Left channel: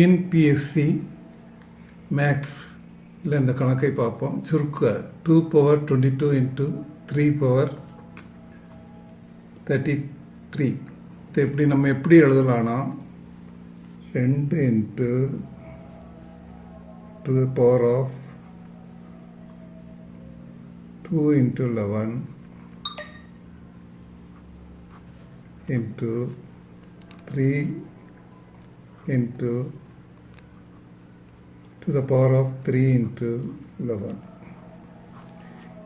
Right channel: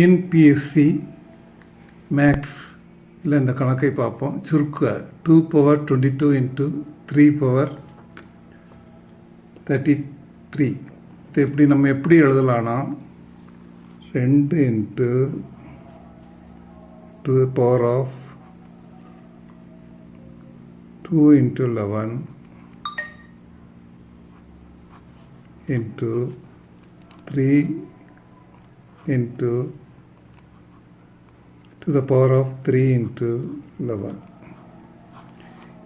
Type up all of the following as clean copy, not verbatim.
NPSC maths இல்லை இந்த கணக்கை பார்ப்போம். சுருக்க 2 power 22 into 3 power 33. இது எப்படி நம்ம எப்படி எழுதலாம்னா 2 into 2 the power of 2 into 11 into 3 into to the power of 3 into 11.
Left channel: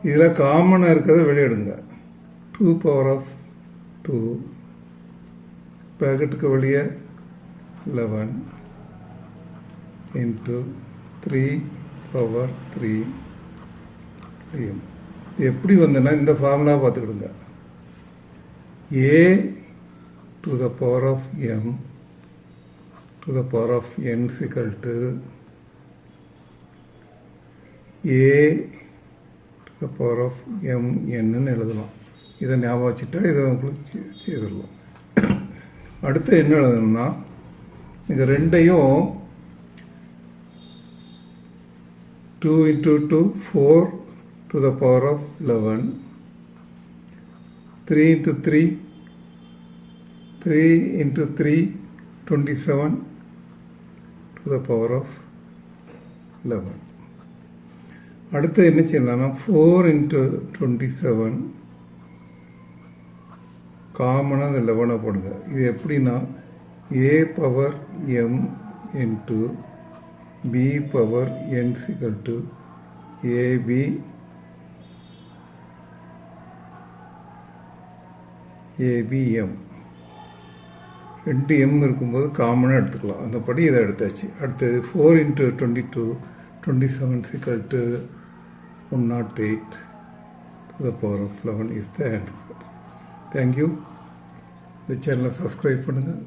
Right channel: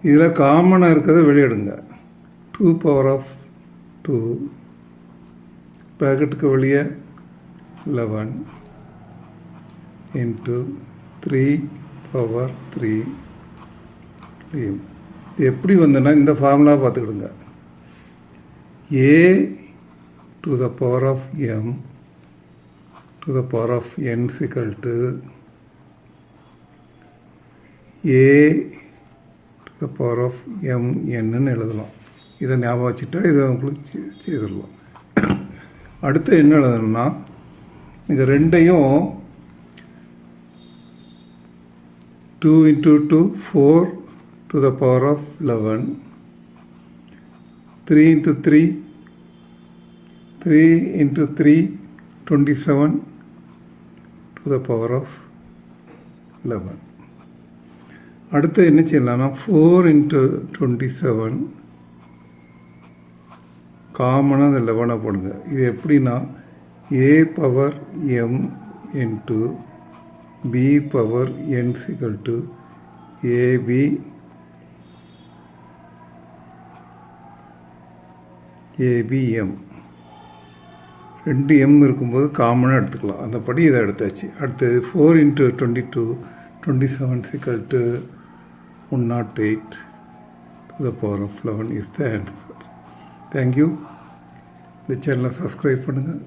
இதில் காமனாக இருக்கிறத வெளியிடுங்க. 2 power of 2 ப்ராக்கெட்டுக்கு வெளியே 11 into 3 power 3. இது எப்படி வந்ததுன்னா இந்த ஃபார்முலா பார்த்துக்கிடுங்க. a to the power of m to the power of n is equal to a to the power of m n எழுதலாம். இதை ஞாபகம் வச்சுட்டா இதை உங்களுக்கு செய்திடலாம். அடுத்து என்ன எழுதணும்னா இது ரெண்டையும் 2 into 2 4 to the power of 11, 3 into 3 3 into 3 27 to the power of 11. அடுத்து என்ன செய்யலாம்னா 4 into 27 காமனாக 11 போடுங்க. இது எப்படின்னா a power m into b power n is equal to ab abm. 2 m இருக்கும்போது காமனாக எடுத்துக்கலாம். அந்த படி இதை எடுத்தாச்சு. அடுத்தது 4 into 22 27 is equal to 108 to the power of 11 is the answer. Thank you. இந்த சேனலை சப்ஸ்கிரைப் பண்ணுங்கள்.